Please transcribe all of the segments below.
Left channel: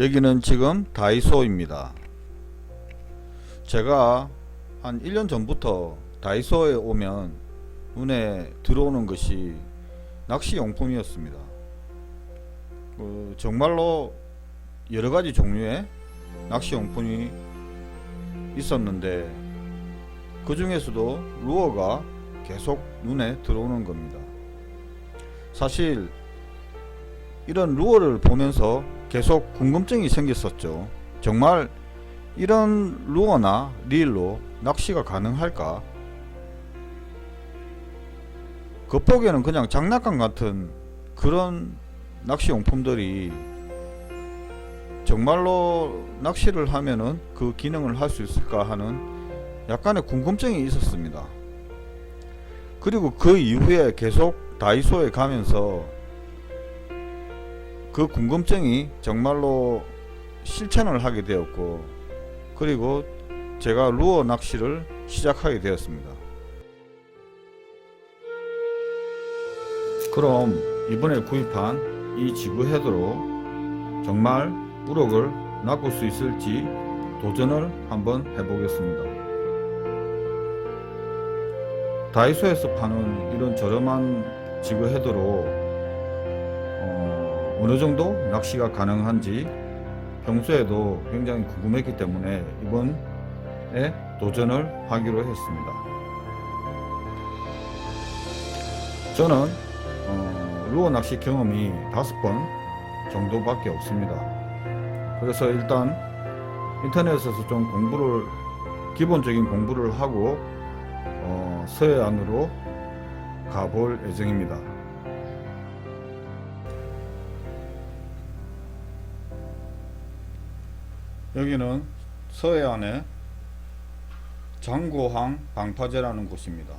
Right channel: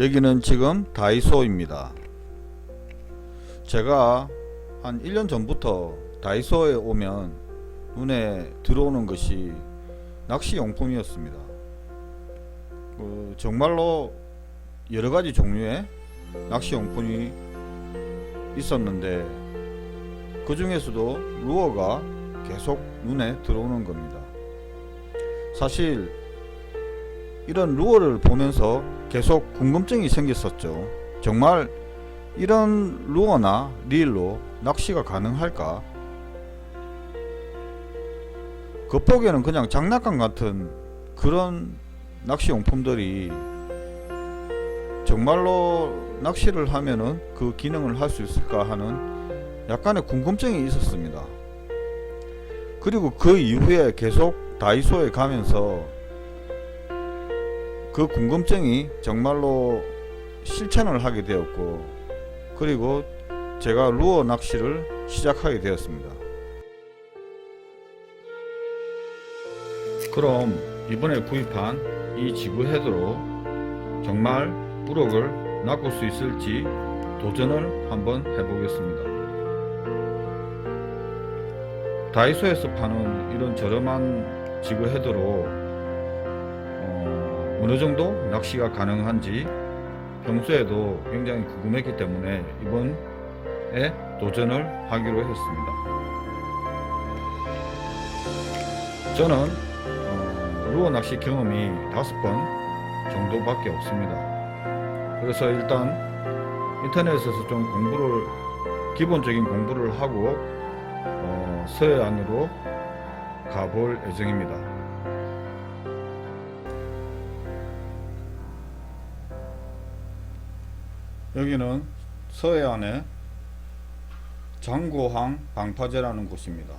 여기는 지금 다이소입니다. 제가 한 1년 전부터 다이소에 오면 눈에 들어오는 것이 낚시용품이었습니다. 정말로 여러가지 종류의 낚시용품이 있었는데 그 중에서도 루어가 계속 눈에 들어오는 겁니다. 사실 이런 루어를 보면서 계속 궁금증이 생겼었죠. 정말 이런 루어나 릴로 낚시가 가능할까? 겉보기에는 그냥 장난감 같은 그런 낚시용품들이 정말로 낚시를 하면은 그 기능을 할 수 있을까 하는 약간의 궁금증이 있었습니다. 그리고 그 이후에 계속 다이소에 가면서 그 궁금증이 정말로 실천을 하게 되었고, 그리고 제가 루어 낚시를 시작하게 되었습니다. 그럼 이번에 구입한 이 지구 헤드로 정말 우럭을 낚을 수 있을지 도전을 한번 해보겠습니다. 다이소에서 파는 이런 저렴한 지구 헤드로 어느 정도 낚시가 가능한지 평소에도 굉장히 궁금했기 때문에 이번에 도전을 하기로 했습니다. 저는 루어 낚시 경험이 5번 정도밖에 없습니다. 그래서 일단 인터넷에서 좀 기본적인 공부를 하고 서해안으로 가볼 예정입니다. 여기는 서해안의 장고항 방파제라는 곳입니다.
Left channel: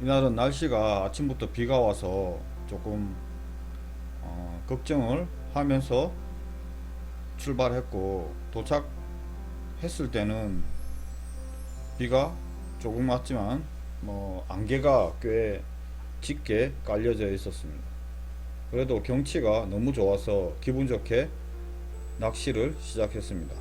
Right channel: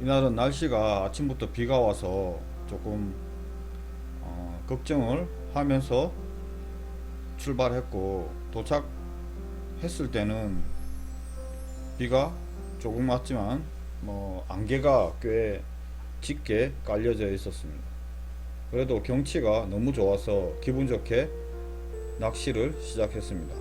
이날은 날씨가 아침부터 비가 와서 조금 걱정을 하면서 출발했고, 도착했을 때는 비가 조금 왔지만 안개가 꽤 짙게 깔려져 있었습니다. 그래도 경치가 너무 좋아서 기분 좋게 낚시를 시작했습니다.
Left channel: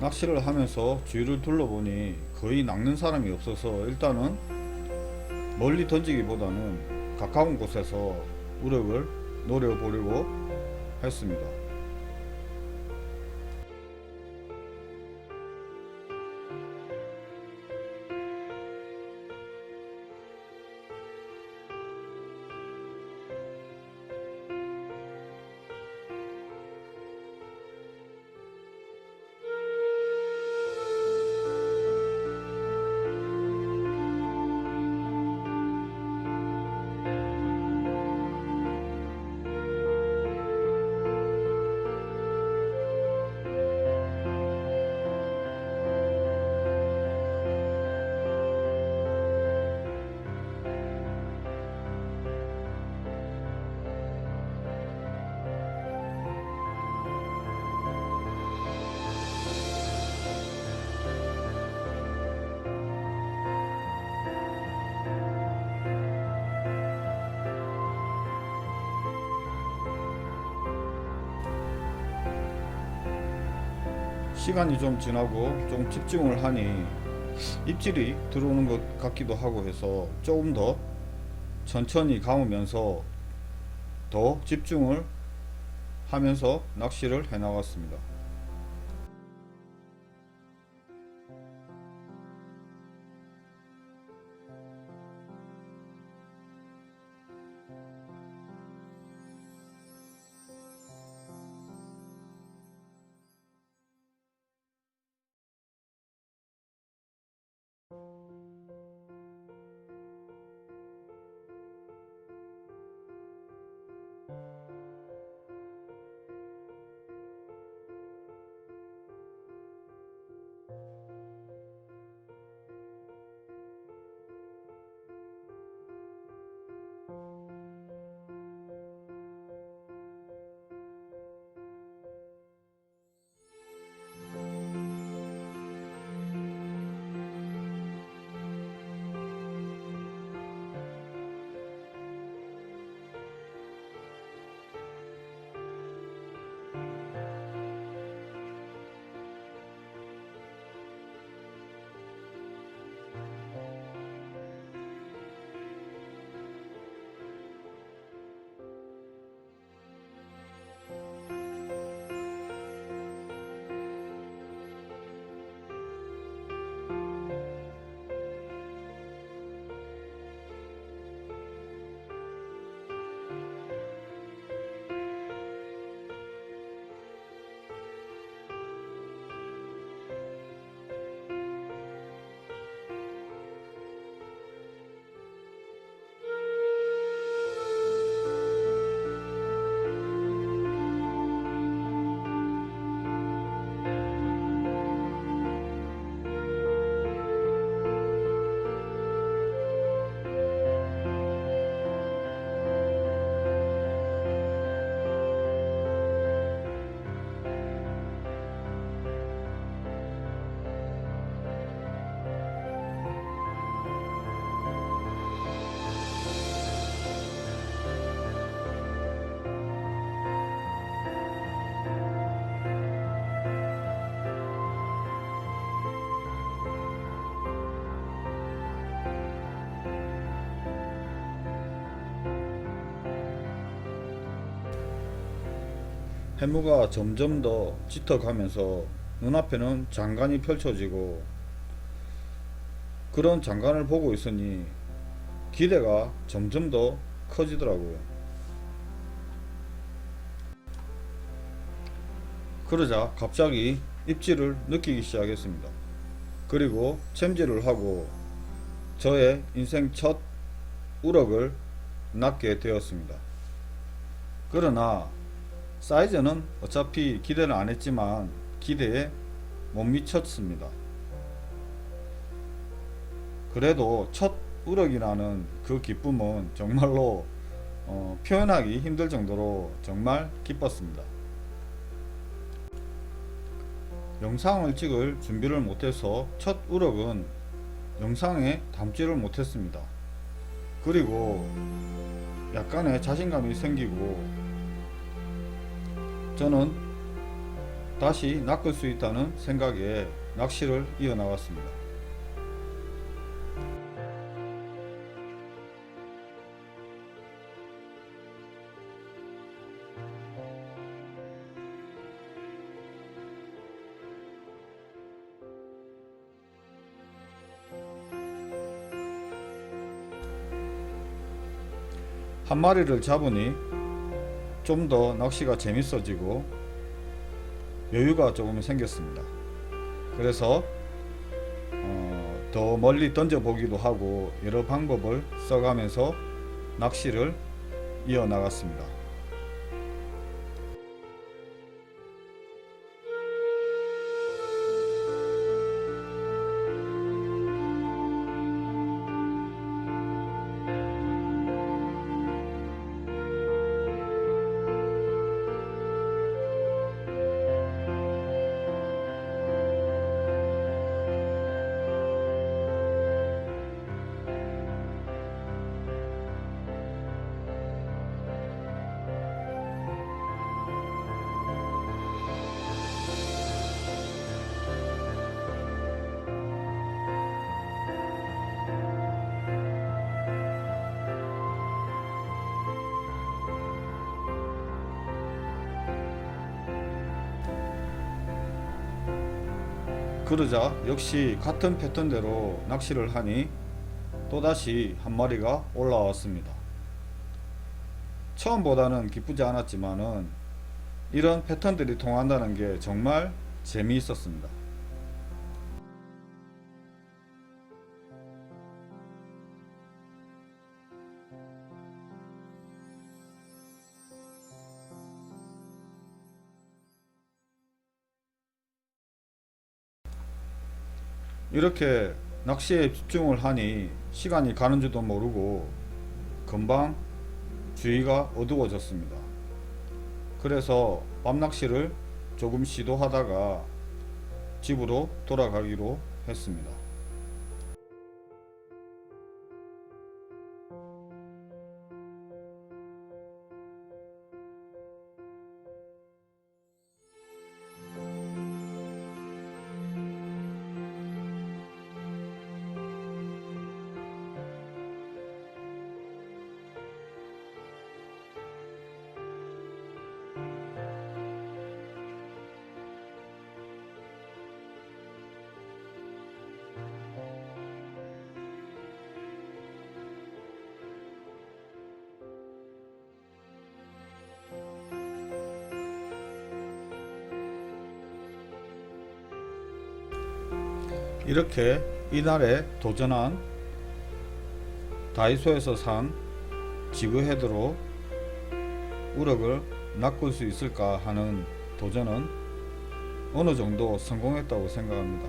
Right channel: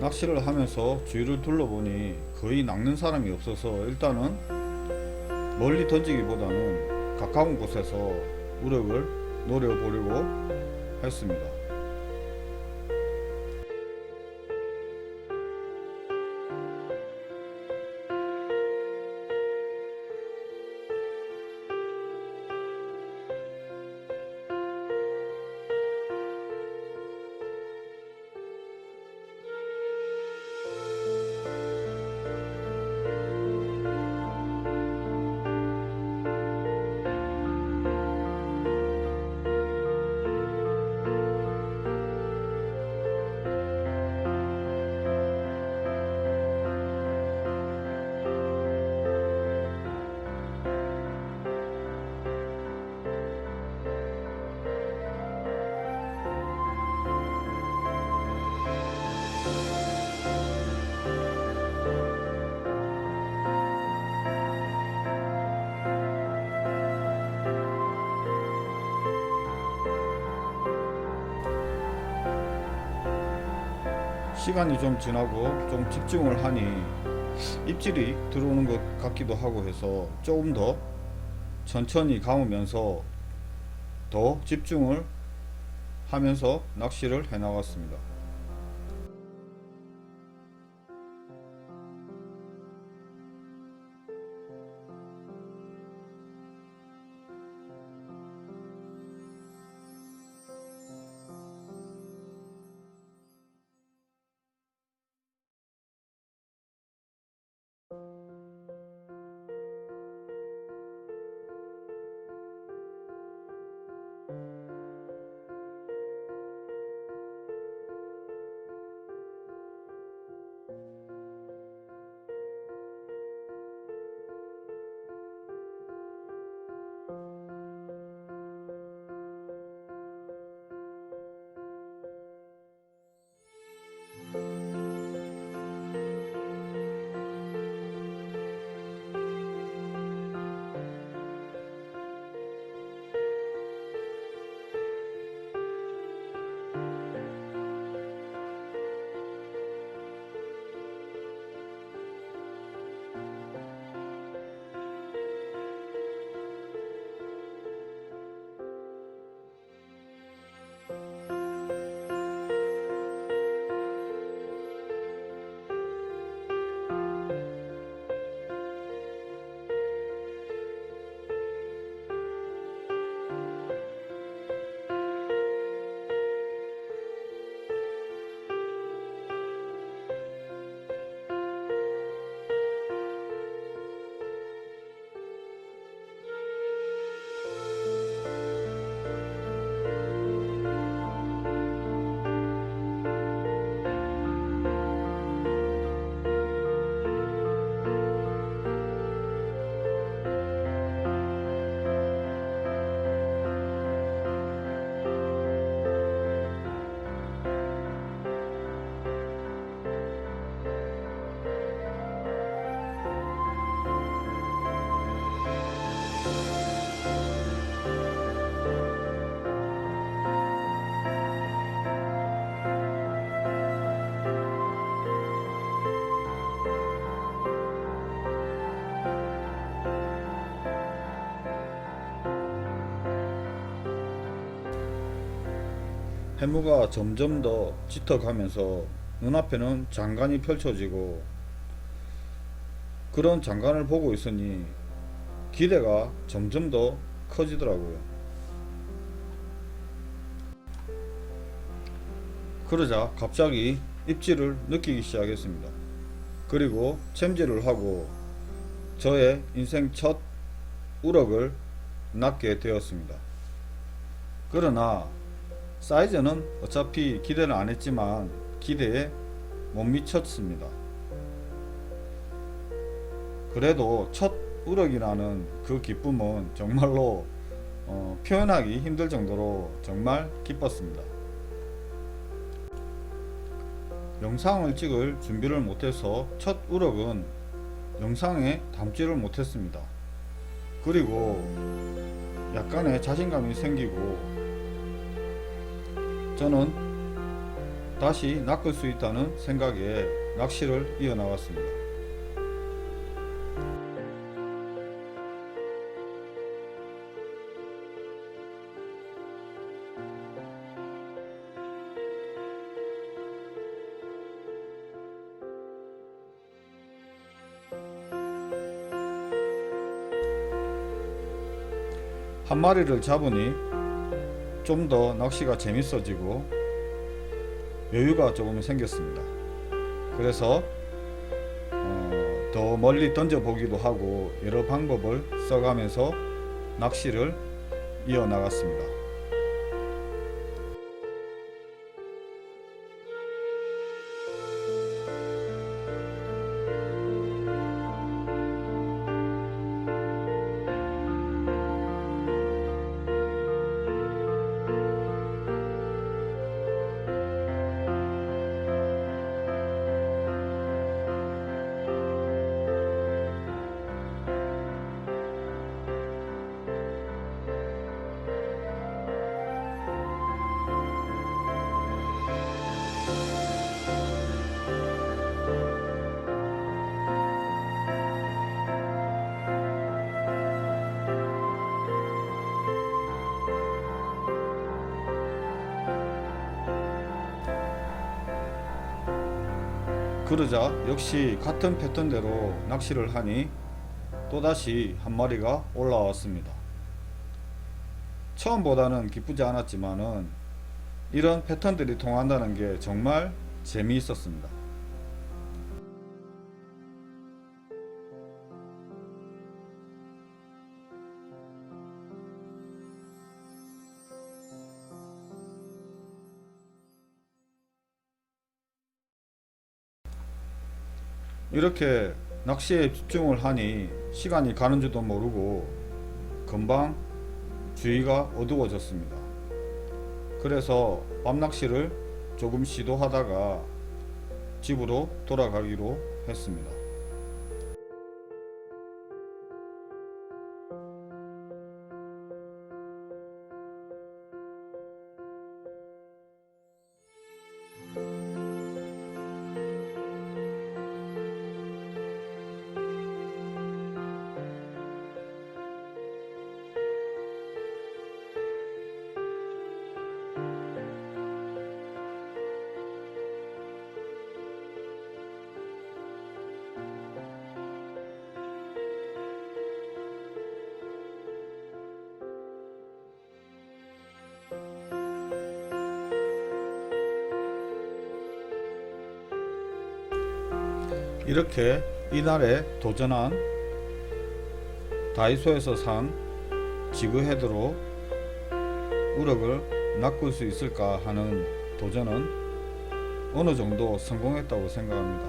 낚시를 하면서 주위를 둘러보니 거의 낚는 사람이 없어서 일단은 멀리 던지기보다는 가까운 곳에서 우럭을 노려보려고 했습니다. 시간이 좀 지나고 좀 집중을 하니 입질이 들어오는 것 같기도 하고 해서 조금 더 천천히 감으면서 더 집중을 하면서 낚시를 해 나갔습니다. 해무가 점점 더 짙어가면서 눈앞에는 장관이 펼쳐지고, 그런 장관을 보고 있으니 기대가 점점 더 커지더라고요. 그러자 갑자기 입질을 느끼기 시작했습니다. 그리고 챔질을 하고 저의 인생 첫 우럭을 낚게 되었습니다. 그러나 사이즈는 어차피 기대는 안 했지만 기대에 못 미쳤습니다. 그래도 첫 우럭이라는 그 기쁨은 정말로 표현하기 힘들 정도로 정말 기뻤습니다. 영상을 찍을 준비를 못해서 첫 우럭은 영상에 담지를 못했습니다. 그리고 약간의 자신감이 생기고 저는 다시 낚을 수 있다는 생각에 낚시를 이어나갔습니다. 한 마리를 잡으니 좀 더 낚시가 재밌어지고 여유가 조금 생겼습니다. 그래서 더 멀리 던져 보기도 하고 여러 방법을 써가면서 낚시를 이어나갔습니다. 그러자 역시 같은 패턴대로 낚시를 하니 또다시 한 마리가 올라왔습니다. 처음보다는 기쁘지 않았지만은 이런 패턴들이 통한다는 게 정말 재미있었습니다. 이렇게 낚시에 집중을 하니 시간이 가는 줄도 모르고 금방 주위가 어두워졌습니다. 그래서 밤낚시를 조금 시도하다가 집으로 돌아가기로 했습니다. 이렇게 이날에 도전한 다이소에서 산 지그헤드로 우럭을 낚을 수 있을까 하는 도전은 어느 정도 성공했다고 생각합니다.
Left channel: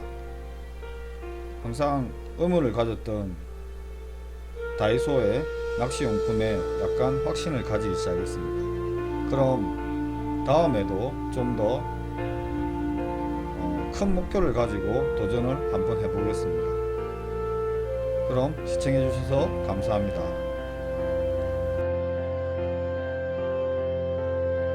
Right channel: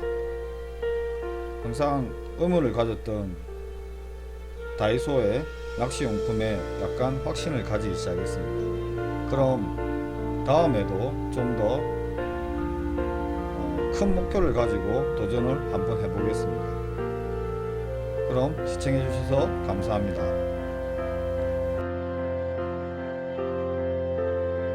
항상 의문을 가졌던 다이소의 낚시용품에 약간 확신을 가지기 시작했습니다. 그럼 다음에도 좀 더 큰 목표를 가지고 도전을 한번 해보겠습니다. 그럼 시청해 주셔서 감사합니다.